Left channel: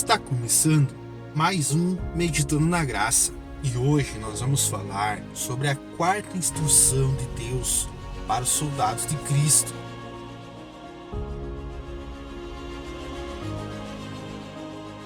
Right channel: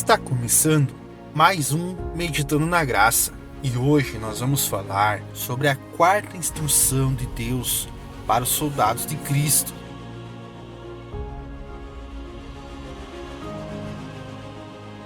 Está começando mais um Meditando na Graça e hoje nós vamos falar sobre a quarta instrução de Deus para os soldados de Cristo.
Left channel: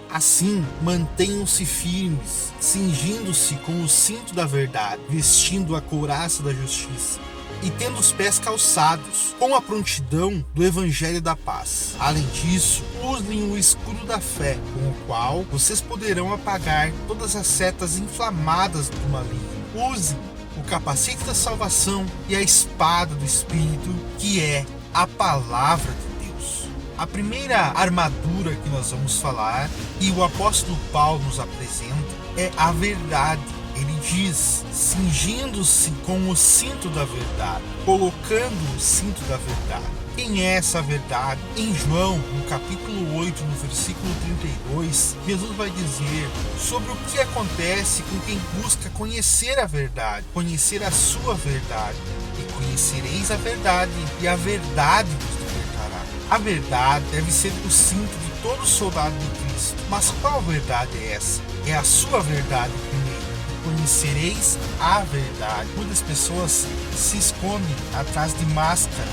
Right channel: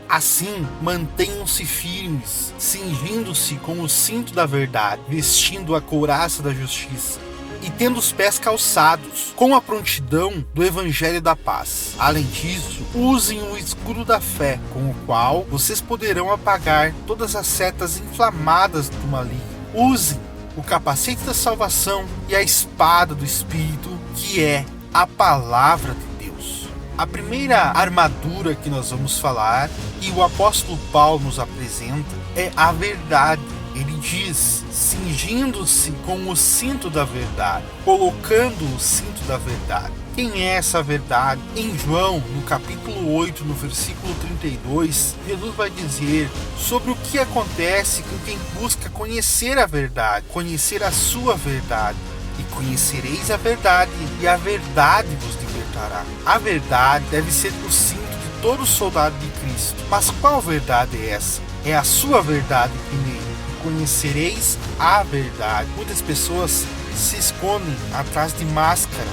Assim, mantenham-se firmes, cingindo-se com o cinto da verdade, vestindo a couraça da justiça e tendo os pés calçados com a prontidão do Evangelho da paz. Além disso, usem o escudo da fé, com o qual vocês poderão apagar todas as setas inflamadas do maligno. Usem o capacete da salvação e a espada do Espírito, que é a palavra de Deus. A primeira armadura que nós vamos falar, e o apóstolo Paulo nos apresenta, é a verdade. Ele diz, cingindo-se com o cinto da verdade, colocando o cinto da verdade. Quem é essa verdade? Em João, no capítulo 8, no versículo 32, Jesus vai dizer sobre o que acontece com quem busca conhecer a verdade, conhecer a sua verdade. E conhecereis a verdade, e a verdade vos libertará. A verdade deve ser o cinto de todo soldado de Cristo. Mas qual verdade é essa? É a sua verdade primeiro. Conhecereis a verdade. Muitas pessoas se escondem atrás de máscaras,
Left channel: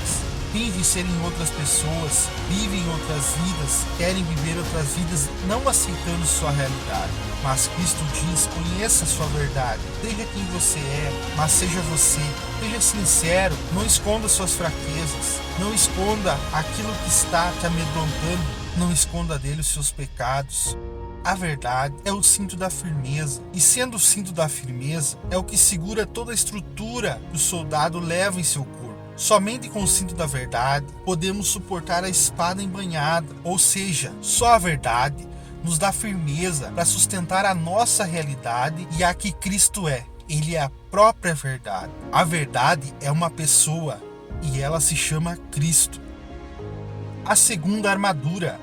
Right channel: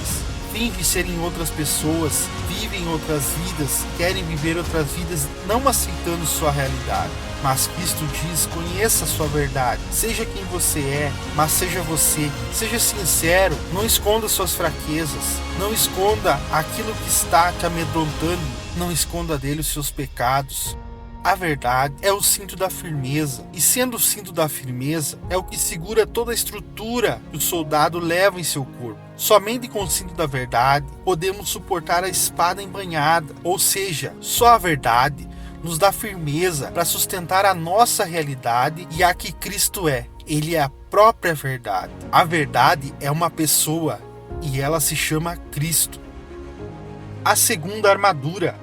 fingem serem outras pessoas, vivem outras vidas, querem viver outras vidas, não aceitando sua realidade. Mas Cristo diz, conheça a sua verdade, seja quem você é, mas seja você, seja sincero, não esconda suas fraquezas, não esconda aquilo que está te amedrontando, não esconda dele os seus pecados. A verdade é o cinto da firmeza, e sendo o cinto da firmeza, é o que segura toda a estrutura que o soldado leva em seu corpo. Somente com o cinto da verdade podemos suportar a espada embanhada, ou seja, só a verdade nos dá firmeza para sustentar a nossa realidade e a que Cristo é. Ele é a própria verdade. A verdade é uma pessoa e ela se chama Cristo. A segunda armadura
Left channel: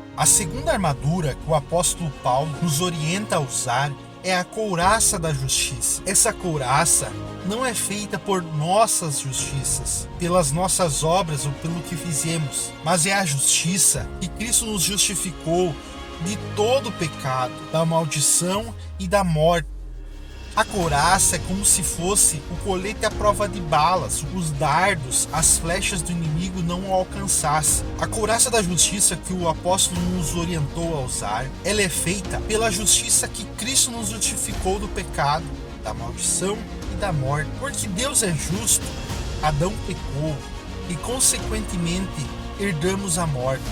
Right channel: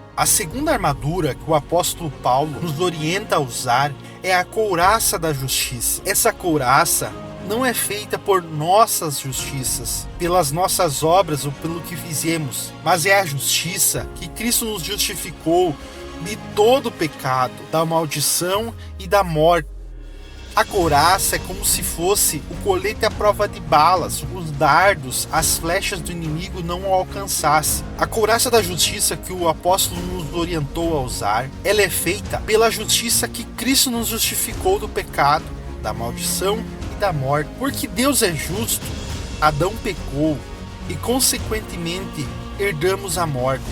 que o apóstolo Paulo nos orienta a usar é a couraça da justiça. Essa couraça não é feita por nossas justiças, pelas nossas obras ou pelo que fizemos, mas é a justiça que Cristo nos justificou de todo o pecado, da maldição e da morte. A couraça é como se fosse o colete à prova de balas, os dardos, as flechas do inimigo não o alcançassem. A couraça da justiça que o apóstolo nos orientou a usar, ela é feita pela justiça que Cristo nos justificou do pecado, da maldição e da morte. Porque Deus é justo, Adão pecou e consequentemente herdamos a morte.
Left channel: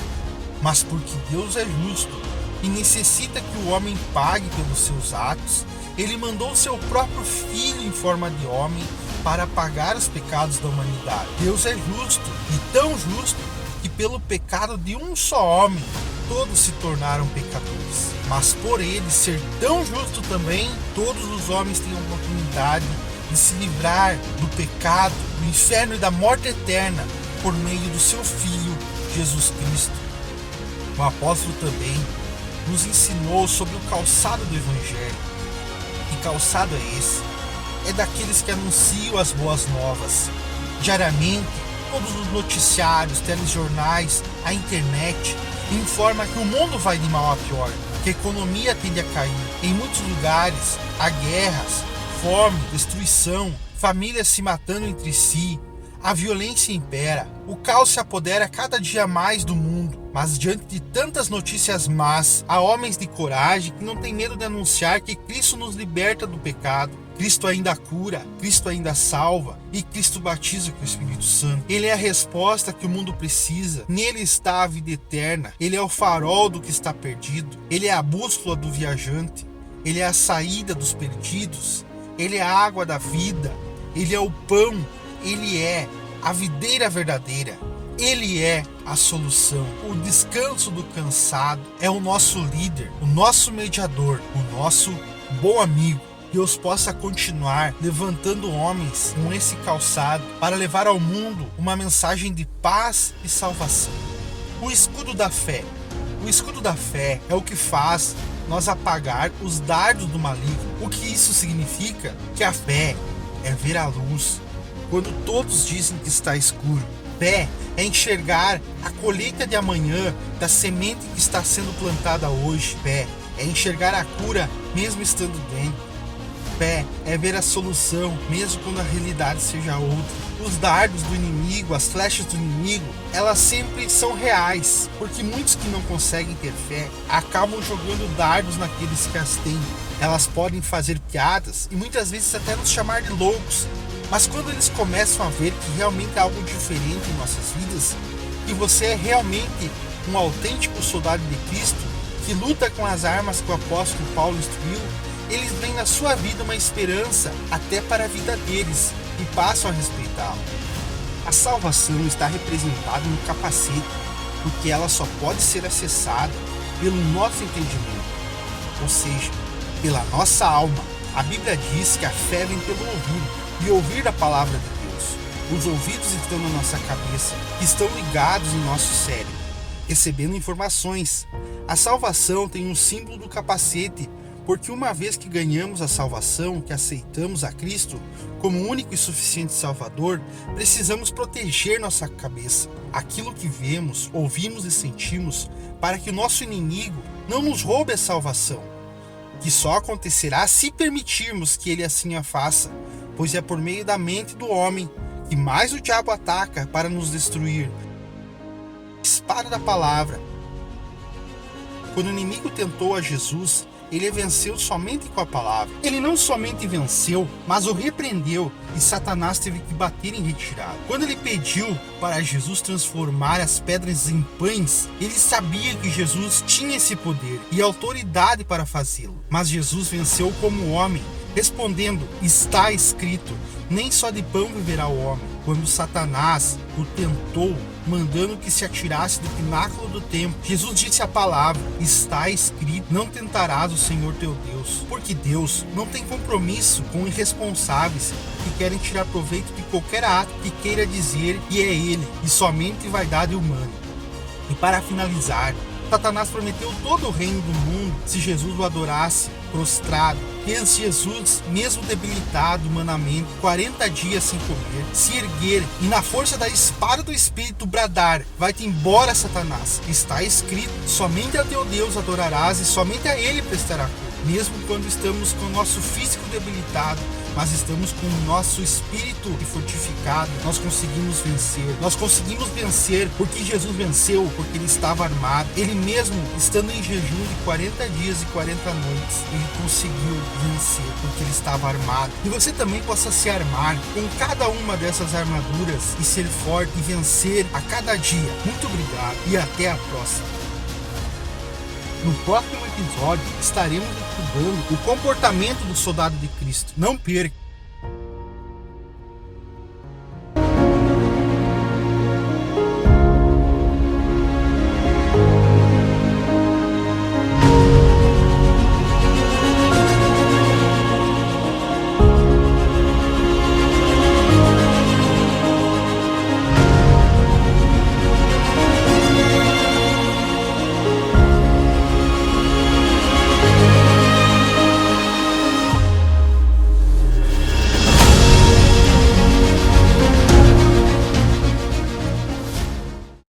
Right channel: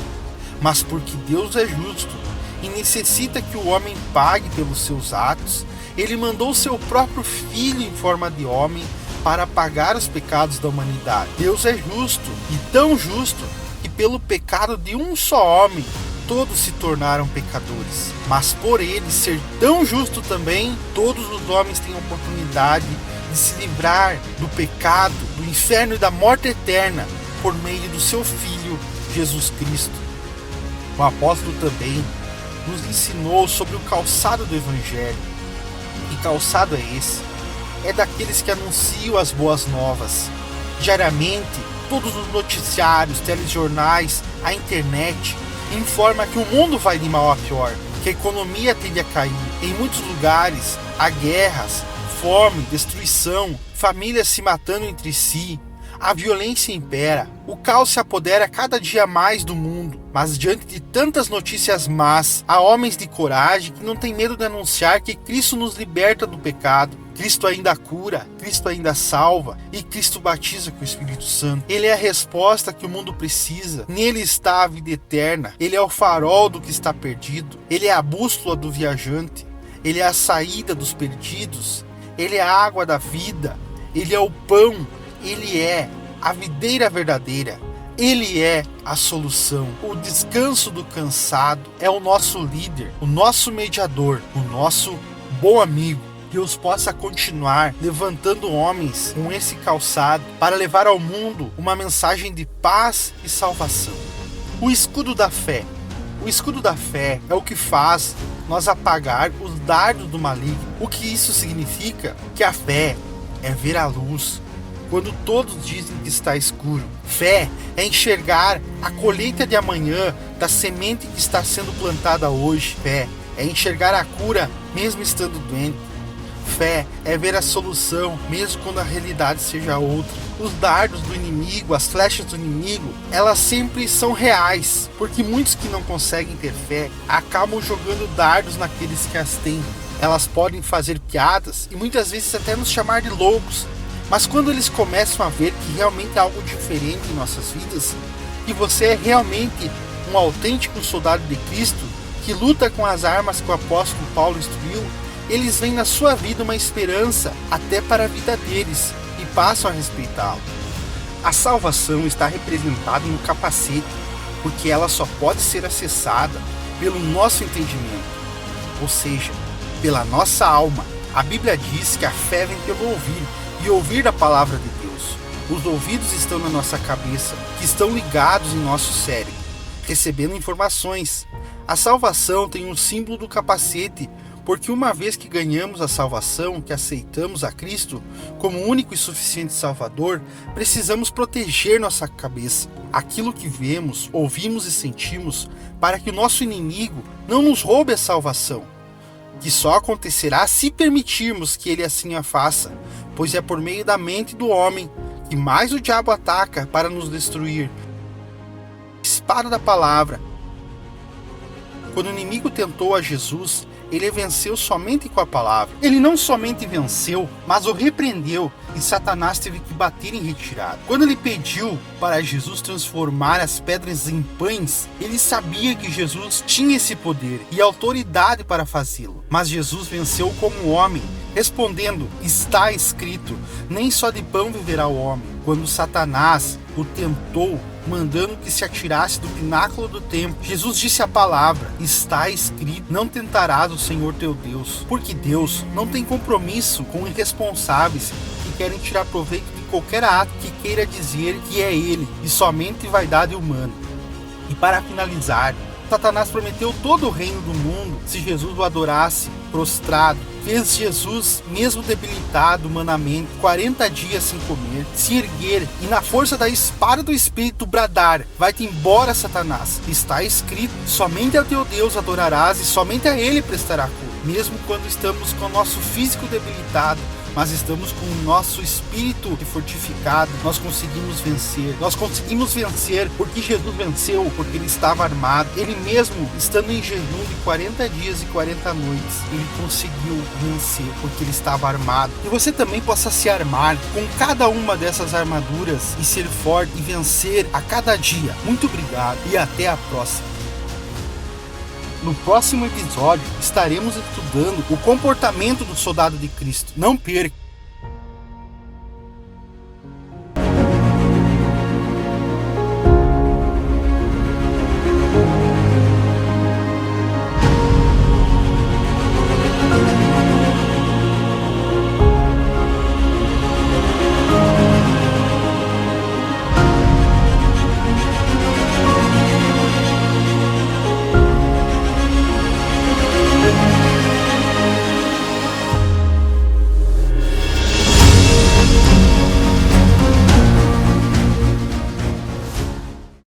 Mas porque Deus é justo e necessita que o homem pague pelos seus atos, ele mandou seu próprio Filho em forma de homem para pagar os pecados da humanidade. Deus é justo, e tão justo, que pelo pecado de um só homem, todos se tornaram pecadores. Mas por ele ser tão justo também, todos os homens têm a oportunidade de se livrar do pecado, do inferno e da morte eterna, por meio do seu Filho, Jesus Cristo. O apóstolo também nos ensinou sobre o calçado do Evangelho. Que calçado é esse? É daqueles que anunciam as boas novas. Diariamente, todos os noticiários, telejornais, a internet informa que o mundo vai de mal a pior, que a economia tende a cair. Em muitos lugares, há guerras, fome, destruição, famílias se matando entre si. A violência impera, o caos se apodera cada dia mais do mundo, mas diante de tantas notícias más, há homens de coragem que não têm medo de anunciar que Cristo nos liberta do pecado, Cristo ainda cura, Cristo ainda salva e Cristo batiza com o Espírito Santo. Ele é a resposta que o mundo precisa, nele está a vida eterna, ele é o farol do que está perdido, ele é a bússola do viajante, ele é a saída dos perdidos, ele é a água da vida, ele é o pão, ele é a videira verdadeira, ele é a solução. O descanso do cansado é o nosso líder, o nosso mediador, o nosso bom amigo. Deus possa continuar levantando homens com esse calçado para levar ao mundo uma mensagem de paz e salvação. O escudo da fé. O escudo da fé é o que faz nós apagar os dardos do maligno. O que isso significa? Que a fé é ver a luz quando todos dizem que está escuro. Fé é enxergar a colheita de amanhã da semente que está sendo plantada hoje. Fé é enxergar a cura mesmo estando doente. Fé é ver a solução mesmo quando a realidade seja outra. Os dardos do inimigo, as flechas do inimigo, elas sempre são reais, porque muitos que não conseguem ter fé acabam jogando dardos naqueles que as têm. Elas podem fazer piadas e muitas vezes até nos chamar de loucos, mas quando eles começam a ver que realmente há algo diferente em nossas vidas, que você é realmente um autêntico soldado de Cristo, que luta com as armas que o apóstolo Paulo instruiu, eles veem na sua vida uma esperança até para a vida deles e passam a respeitá-lo. A salvação está representada no capacete, porque ela só pode ser acessada pelo nosso entendimento, ou seja, pela nossa alma. A Bíblia diz que a fé vem pelo ouvir, e ouvir da palavra de Deus. Os ouvidos estão na nossa cabeça, que estão ligados em nosso cérebro, recebendo informações. A salvação tem um símbolo do capacete, porque uma vez que ganhamos a salvação, que aceitamos a Cristo como único e suficiente Salvador, precisamos proteger nossa cabeça, aquilo que vemos, ouvimos e sentimos, para que o nosso inimigo não nos roube a salvação, que só acontecerá se permitirmos que ele assim a faça, pois é por meio da mente do homem que mais o diabo ataca para nos destruir. Espada da palavra. Quando o inimigo tentou a Jesus, ele venceu somente com a palavra. Ele não somente venceu, mas o repreendeu, e Satanás teve que bater em retirada. Quando ele pediu para Jesus transformar as pedras em pães, ele sabia que Jesus tinha esse poder e autoridade para fazê-lo. Mas Jesus venceu como homem, respondendo: está escrito, nem só de pão viverá o homem. Quando Satanás o tentou, mandando que se atirasse do pináculo do templo, Jesus disse a palavra: está escrito, não tentarás o Senhor teu Deus. Porque Deus não tem compromisso com irresponsáveis que querem tirar proveito de qualquer ato que queira dizer que é Ele, e somente vaidade humana. E para finalizar, Satanás prometeu todo o reino do mundo se Jesus o adorasse prostrado. Fez Jesus, mesmo debilitado humanamente, 40 dias sem comer, se erguer e na força da espada do Espírito bradar: vai-te embora, Satanás. Está escrito, somente a teu Deus adorarás e somente a Ele prestará culto. Mesmo quando estamos com o nosso físico debilitado, mas estamos com o nosso espírito fortificado, nós conseguimos vencer. Nós conseguimos vencer porque Jesus venceu, porque Ele estava armado. Ele mesmo, estando em jejum de 40 dias e 40 noites, Ele conseguiu vencer, porque Ele estava armado. E você também possa se armar com cada uma dessas armaduras e ser forte e vencer a cada dia. Muito obrigado e até a próxima. No próximo episódio, estaremos estudando o comportamento do soldado de Cristo. Não perca!